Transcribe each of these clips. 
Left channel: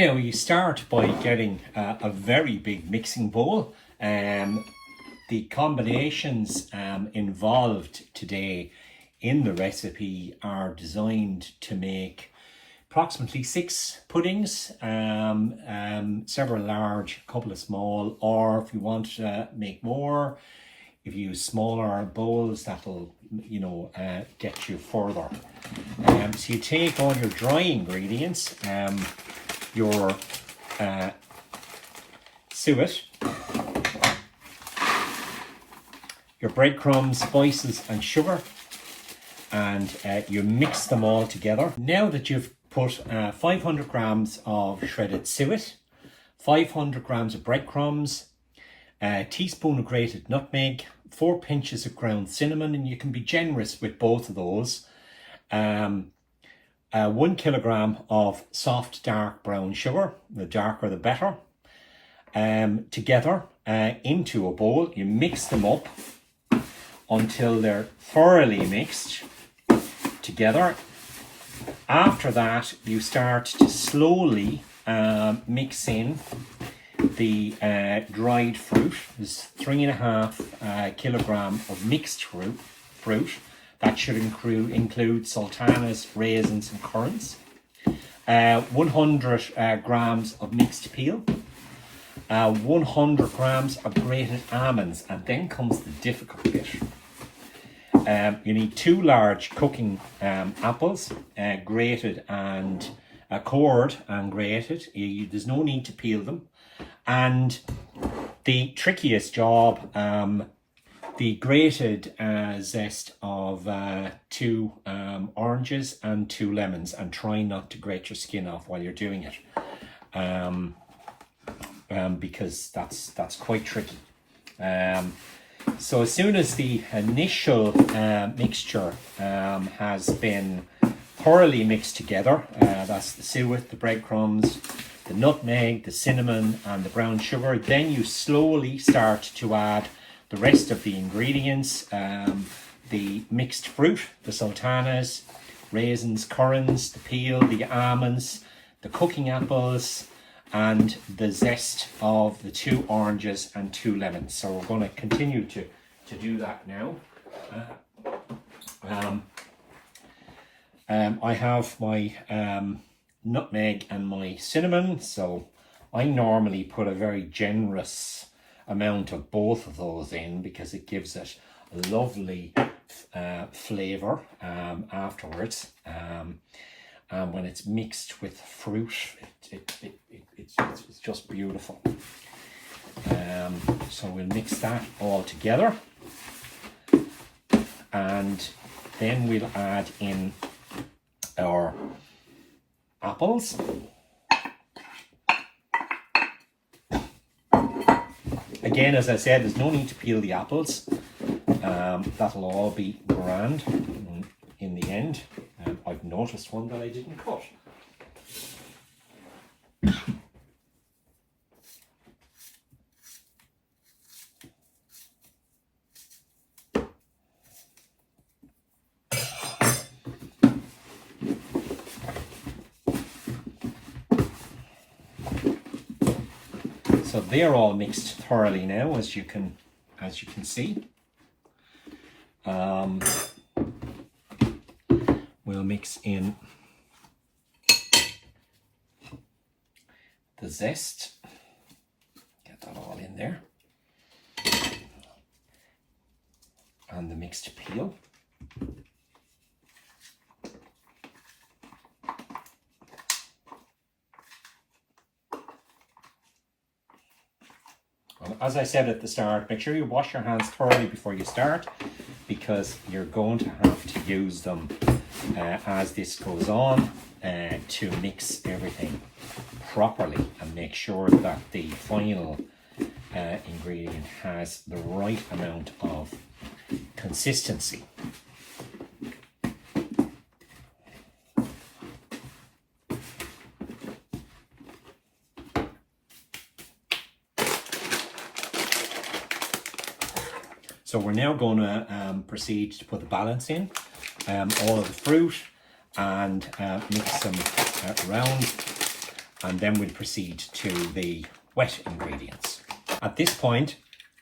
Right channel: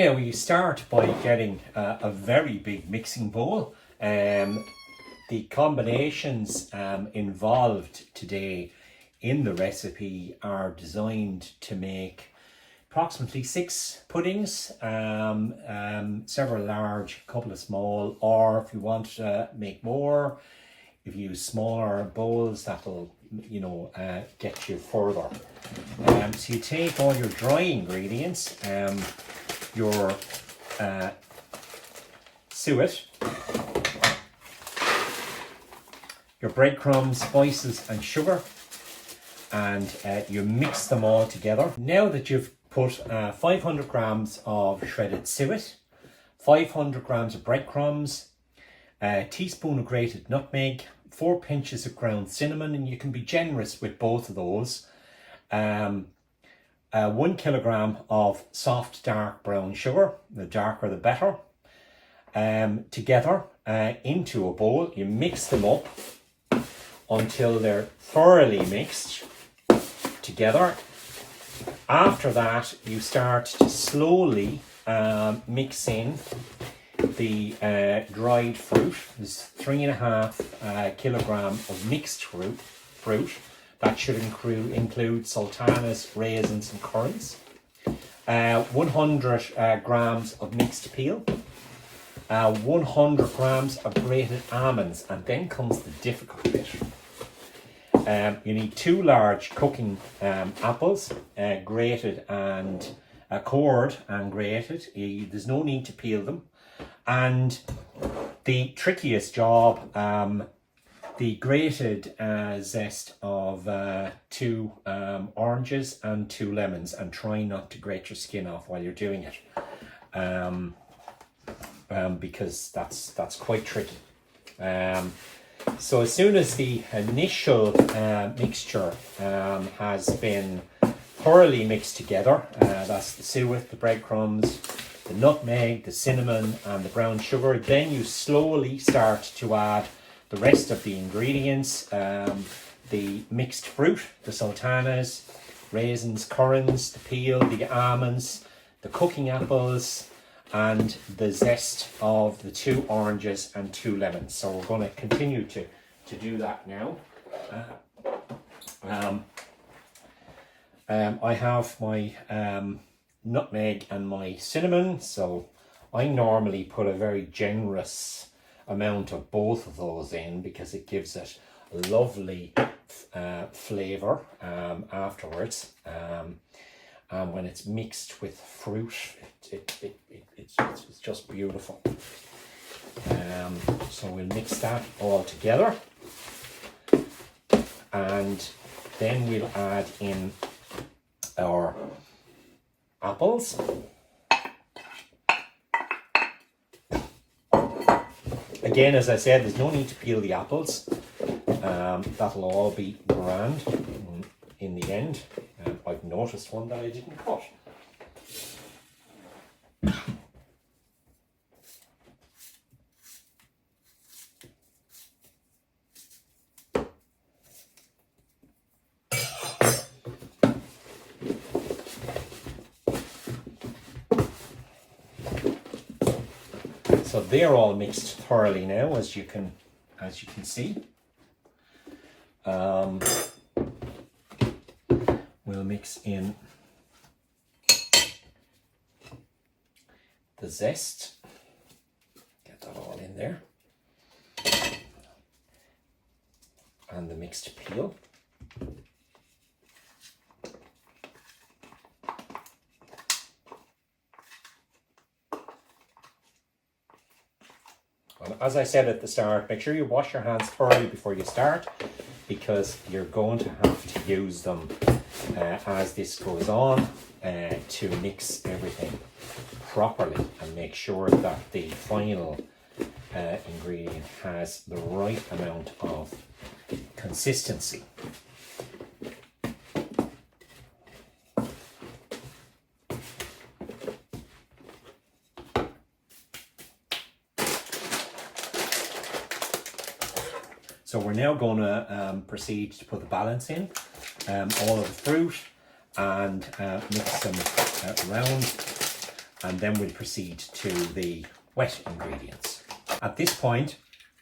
Now you start by getting a very big mixing bowl. The combinations involved today in the recipe are designed to make approximately 6 puddings, several large, a couple of small, or if you want to make more, if you use smaller bowls, that'll get you further. So you take all your dry ingredients, your suet, your breadcrumbs, spices and sugar, and you mix them all together. Now that you've put 500 grams of shredded suet, 500 grams of breadcrumbs, a teaspoon of grated nutmeg, 4 pinches of ground cinnamon, and you can be generous with both of those, 1 kilogram of soft dark brown sugar, the darker the better, together into a bowl. You mix them up until they're thoroughly mixed together. After that, you start to slowly mix in the dried fruit. There's 3.5 kilogram of mixed fruit. That should include sultanas, raisins and currants. 100 grams of mixed peel. 100 grams of grated almonds, and then comes the difficult bit. You need 2 large cooking apples, grated and cored and grated. There's no need to peel them. And the trickiest job, the grated zest of 2 oranges and 2 lemons, and try not to grate your skin off while you're doing it, because that's quite tricky. So as soon as the initial mixture has been thoroughly mixed together, that's the suet, the breadcrumbs, the nutmeg, the cinnamon and the brown sugar, then you slowly start to add the rest of the ingredients, the mixed fruit, the sultanas, raisins, currants, the peel, the almonds, the cooking apples, and the zest of the 2 oranges and 2 lemons. So we're going to continue to do that now. I have my nutmeg and my cinnamon, so I normally put a very generous amount of both of those in because it gives it a lovely flavour afterwards. And when it's mixed with fruit, it's just beautiful. So we'll mix that all together, and then we'll add in our apples. Again, as I said, there's no need to peel the apples. That'll all be grand in the end. I've noticed one that I didn't cut. So they're all mixed thoroughly now, as you can see. We'll mix in the zest. Get that all in there. And the mixed peel. As I said at the start, make sure you wash your hands thoroughly before you start, because you're going to have to use them as this goes on to mix everything properly and make sure that the final ingredient has the right amount of consistency. So we're now going to proceed to put the balance in, all of the fruit, and mix them around. and then we'll proceed to the wet ingredients. At this point,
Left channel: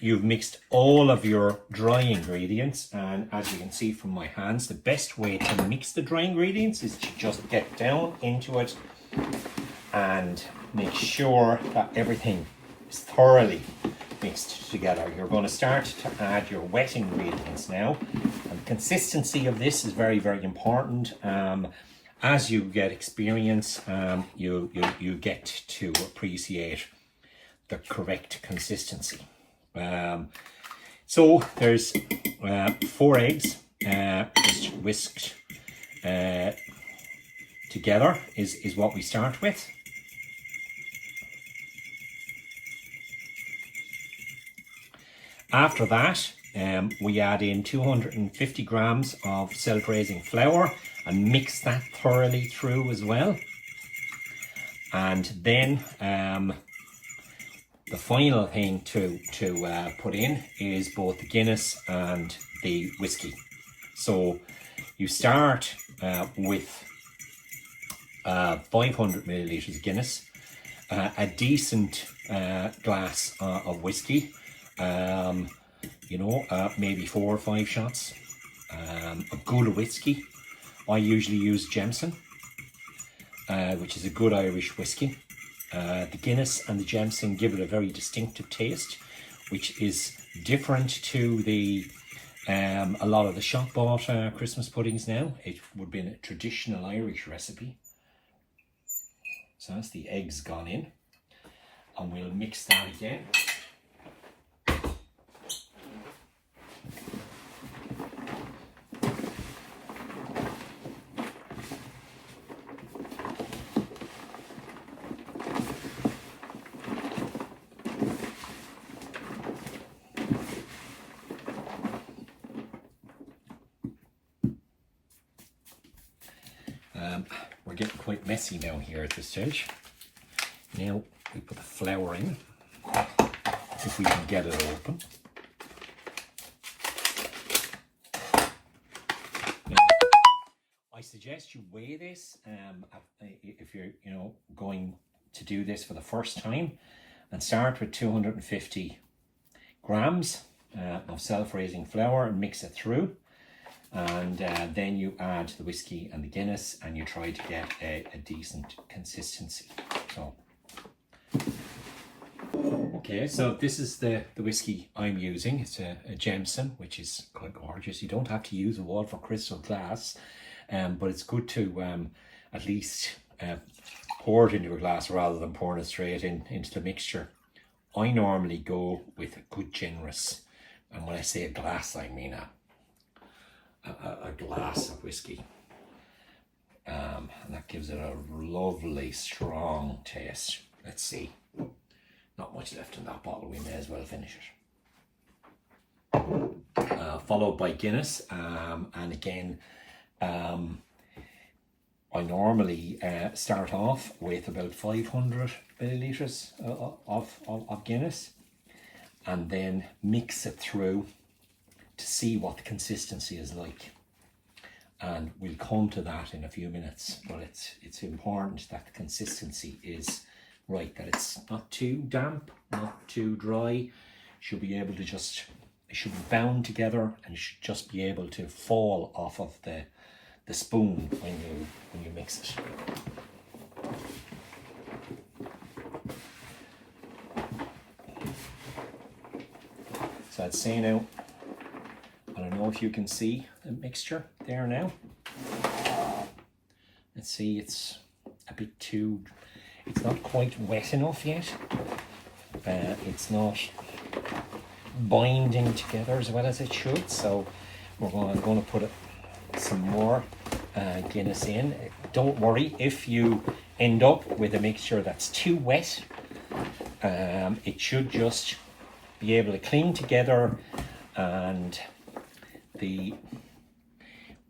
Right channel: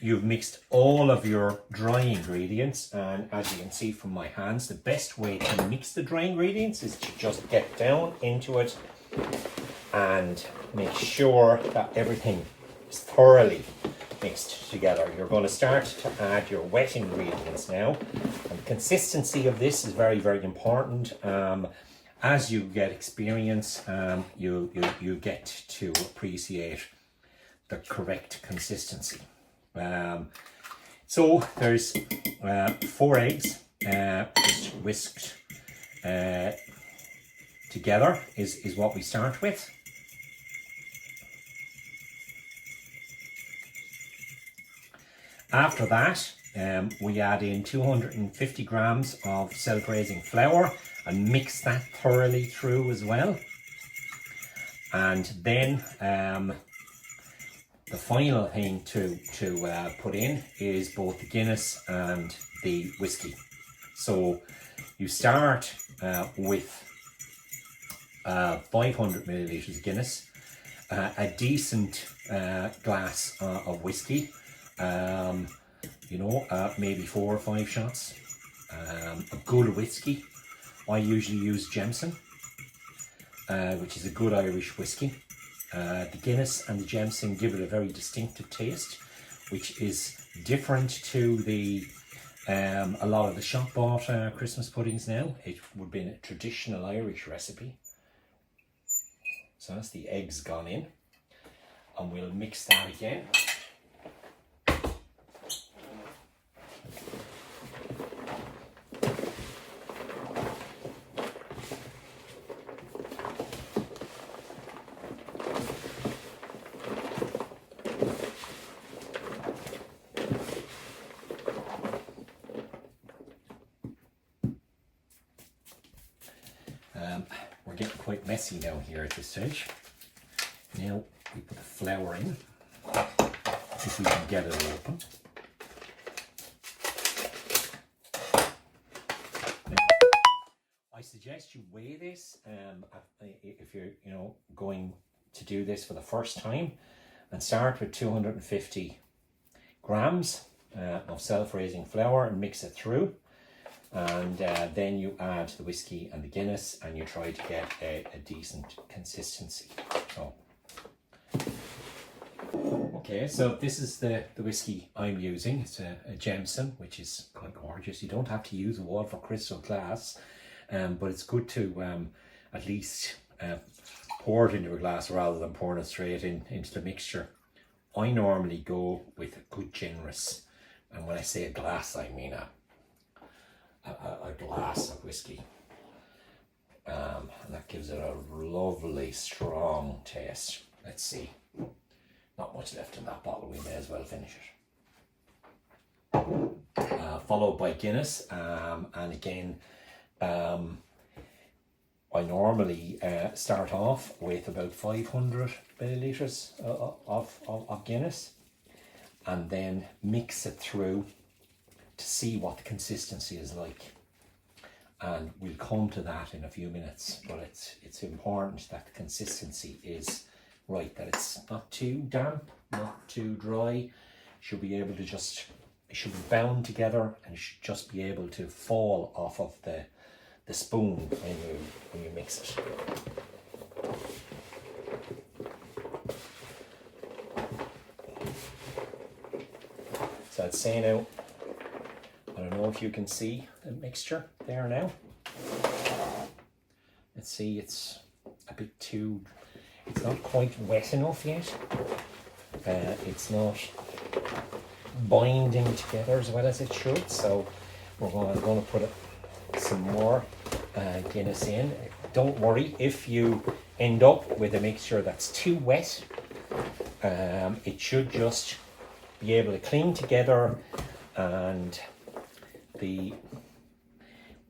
you've mixed all of your dry ingredients, and as you can see from my hands, the best way to mix the dry ingredients is to just get down into it and make sure that everything is thoroughly mixed together. You're going to start to add your wet ingredients now, and the consistency of this is very, very important. As you get experience, you get to appreciate the correct consistency. So there's 4 eggs just whisked together is what we start with. After that, we add in 250 grams of self-raising flour and mix that thoroughly through as well. And then the final thing to put in is both the Guinness and the whiskey. So you start with 500 millilitres of Guinness, a decent glass of whiskey, maybe 4 or 5 shots, a good whiskey. I usually use Jameson, which is a good Irish whiskey. The Guinness and the Jameson give it a very distinctive taste, which is different to the a lot of the shop bought Christmas puddings now. It would be a traditional Irish recipe. So that's the eggs gone in, and we'll mix that again. We're getting quite messy now here at this stage. Now we put the flour in, if we can get it open. Now, I suggest you weigh this if you're going to do this for the first time, and start with 250 grams of self-raising flour and mix it through. And then you add the whiskey and the Guinness, and you try to get a decent consistency. Okay, so this is the whiskey I'm using. It's a Jameson, which is quite gorgeous. You don't have to use a Walford Crystal glass, but it's good to at least pour it into a glass rather than pouring it straight into the mixture. I normally go with a good generous, and when I say a glass, I mean a glass of whiskey, and that gives it a lovely strong taste. Let's see, not much left in that bottle, we may as well finish it. Followed by Guinness, and again I normally start off with about 500 millilitres of Guinness, and then mix it through to see what the consistency is like, and we'll come to that in a few minutes. But it's important that the consistency is right, that it's not too damp, not too dry. Should be able to it should be bound together, and it should just be able to fall off of the spoon when you mix it. So I'd say now, I don't know if you can see the mixture there now. Let's see, it's a bit too, it's not quite wet enough yet. It's not binding together as well as it should. So I'm going to put some more Guinness in. Don't worry if you end up with a mixture that's too wet. It should just be able to cling together, and the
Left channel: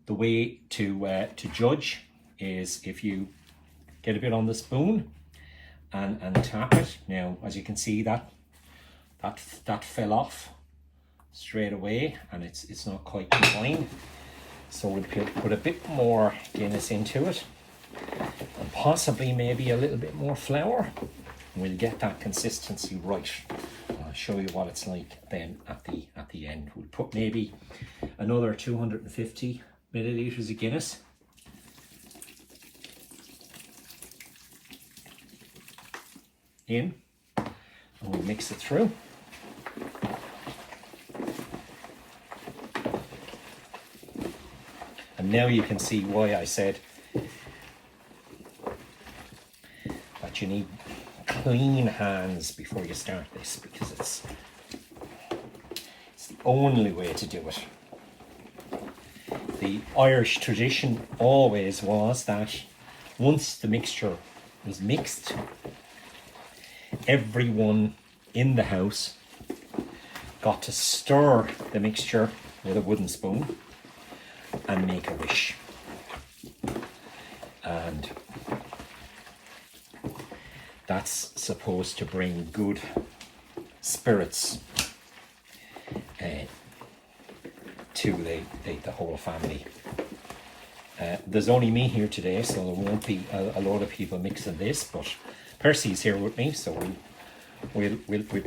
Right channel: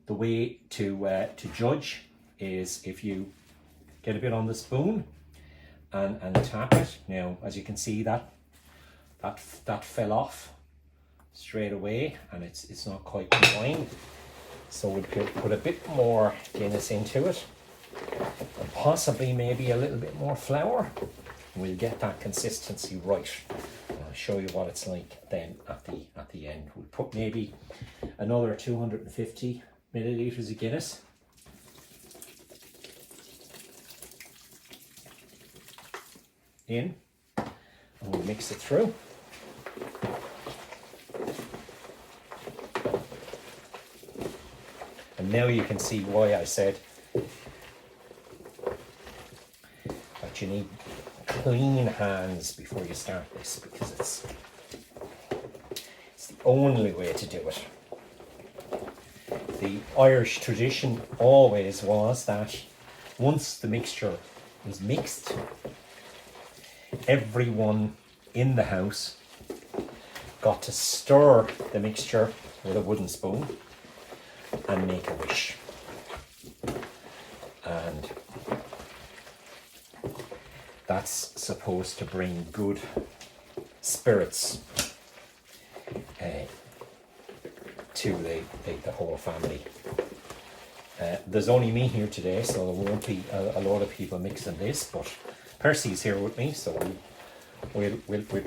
way to judge is if you get a bit on the spoon and tap it. Now, as you can see, that fell off straight away, and it's not quite combined. So we'll put a bit more Guinness into it, and possibly maybe a little bit more flour. We'll get that consistency right. I'll show you what it's like then at the end. We'll put maybe another 250 milliliters of Guinness. In, and we'll mix it through. And now you can see why I said that you need clean hands before you start this, because it's the only way to do it. The Irish tradition always was that once the mixture was mixed, everyone in the house got to stir the mixture with a wooden spoon and make a wish. And that's supposed to bring good spirits to the whole family. There's only me here today, so there won't be a lot of people mixing this, but Percy's here with me, so we'll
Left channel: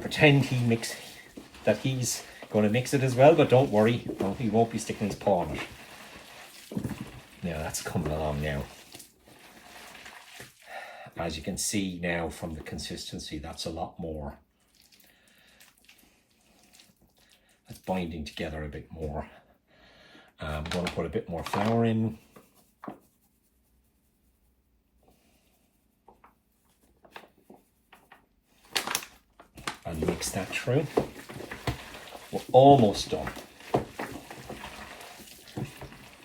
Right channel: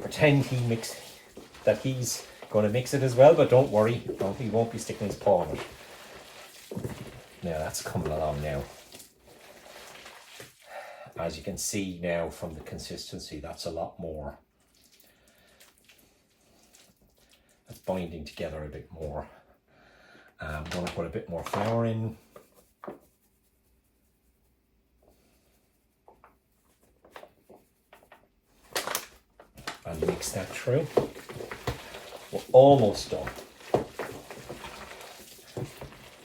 pretend that he's going to mix it as well, but don't worry, he won't be sticking his paw in it. Now that's coming along now. As you can see now from the consistency, that's a lot more. That's binding together a bit more. I'm going to put a bit more flour in. And mix that through. We're almost done.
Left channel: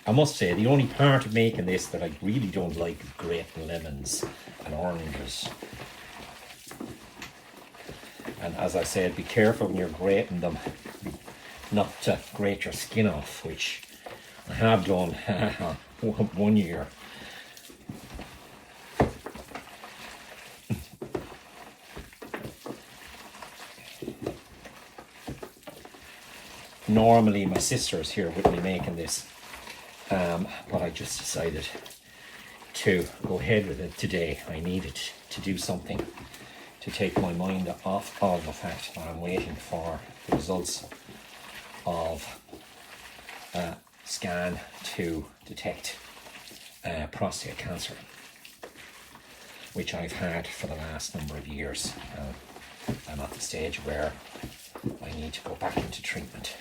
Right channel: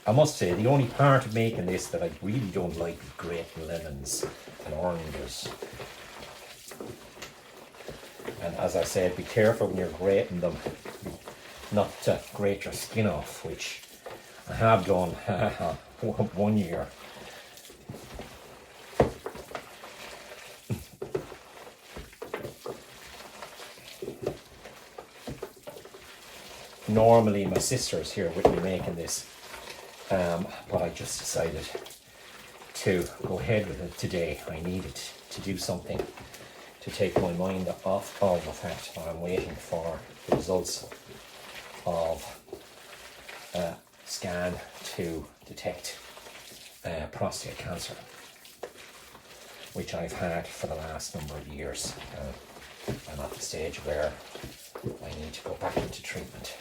I must say, the only part of making this that I really don't like is grating lemons and oranges. And as I said, be careful when you're grating them not to grate your skin off, which I have done one year. Normally my sister's here with me making this, but I just decided to go ahead with it today. I needed to do something to take my mind off of the fact that I'm waiting for the results of a scan to detect prostate cancer, which I've had for the last number of years. I'm at the stage where I need to go back into treatment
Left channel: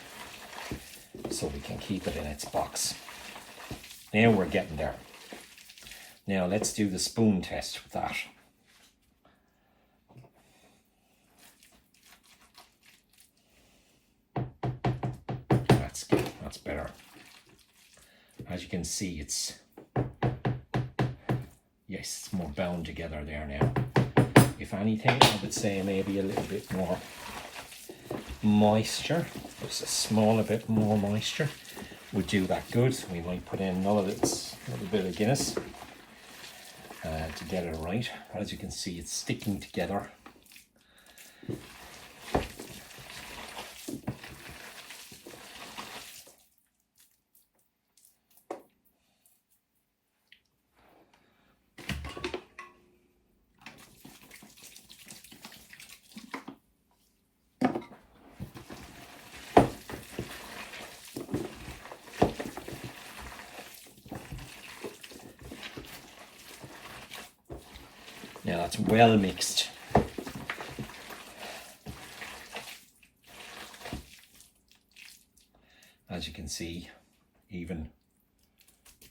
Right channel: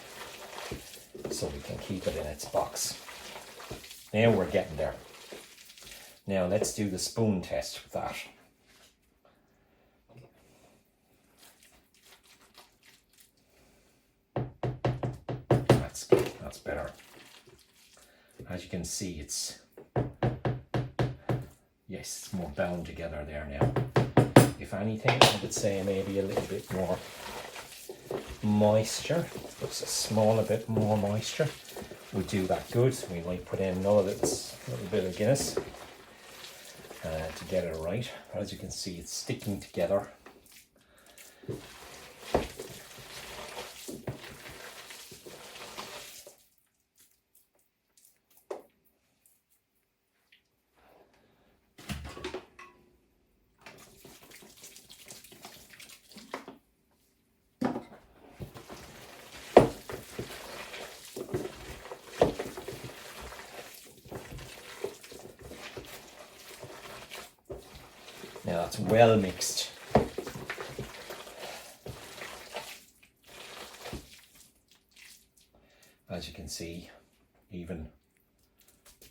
so we can keep it in its box. Now we're getting there. Now let's do the spoon test with that. That's better. As you can see, it's more bound together there now. If anything, I would say maybe a little bit more moisture, just a small bit more moisture would do that good. We might put in another little bit of Guinness to get it right. As you can see, it's sticking together. Now that's well mixed. As you can see, even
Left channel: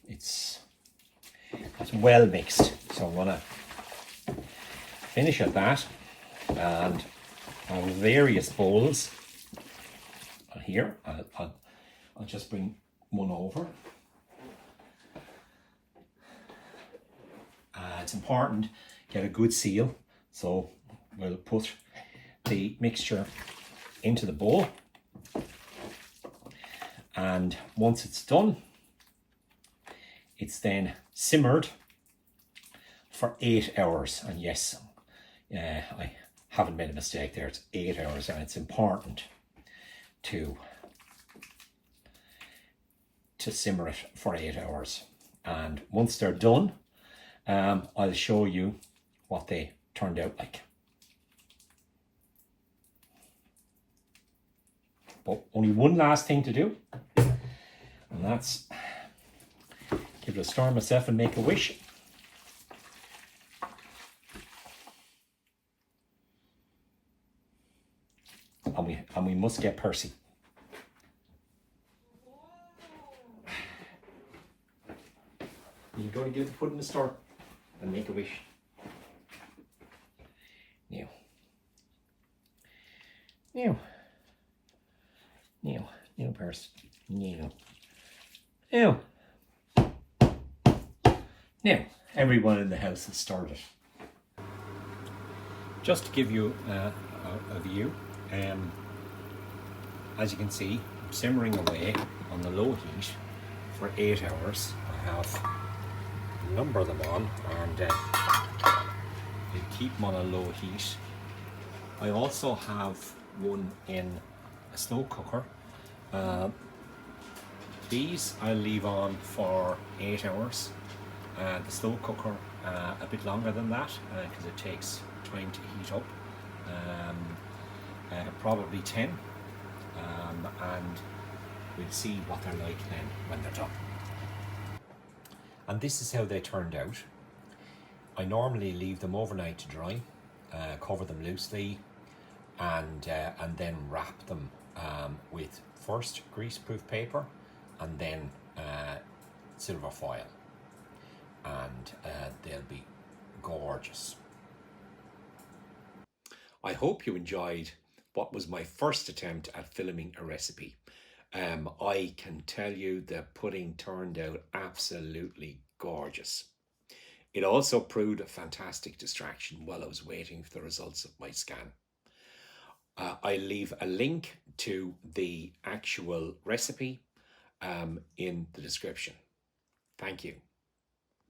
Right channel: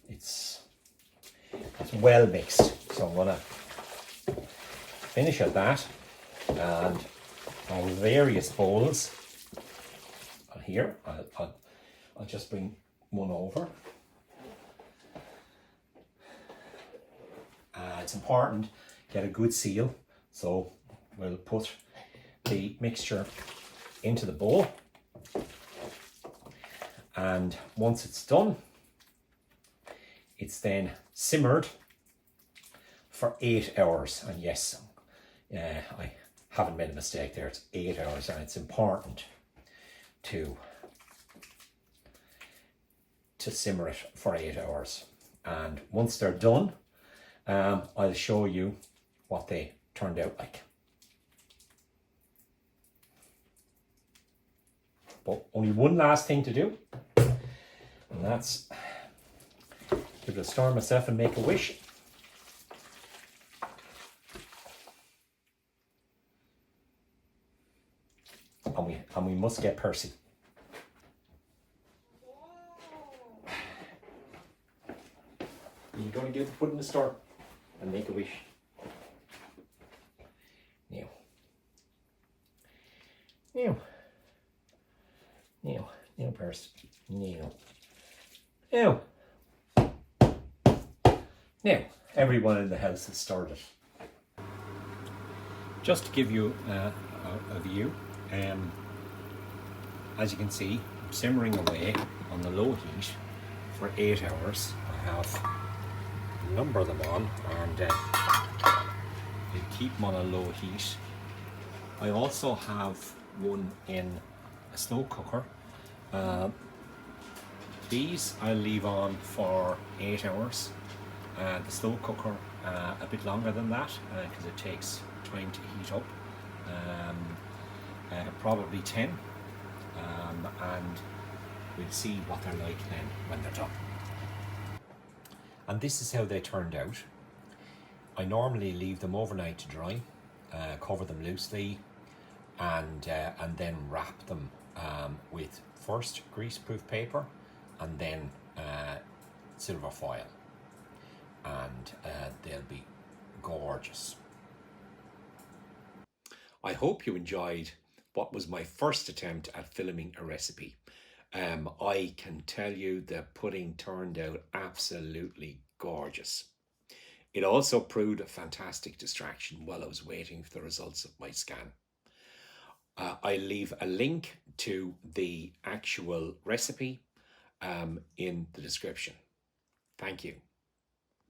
it's well mixed. So I'm gonna finish at that, and I have various bowls here. I'll just bring one over. It's important get a good seal, so we'll put the mixture into the bowl, and once it's done, it's then simmered for 8 hours. And yes, I haven't made a mistake there, it's 8 hours, and it's important to simmer it for 8 hours. And once they're done, I'll show you what they turned out like. But only one last thing to do, and that's give it a stir myself and make a wish. And we must get Percy. You're going to do the put in the store and make a wish. Now. Now. Now. Now, Percy. Now. Now. Now, everyone in the house has started. Just to give you a view, as you can see, I'm simmering away on the low heat for 8 hours. I have a number of them on, and you keep them on a low heat. I also have one in a slow cooker. These I'll leave on for 8 hours. The slow cooker a bit longer than that because it takes time to heat up. Probably 10, and we'll see what they're like then when they're done. And this is how they turned out. I normally leave them overnight to dry, cover them loosely, and then wrap them with first greaseproof paper and then silver foil, and they'll be gorgeous. I hope you enjoyed what was my first attempt at filming a recipe. I can tell you the pudding turned out absolutely gorgeous. It also proved a fantastic distraction while I was waiting for the results of my scan. I leave a link to the actual recipe in the description. Thank you.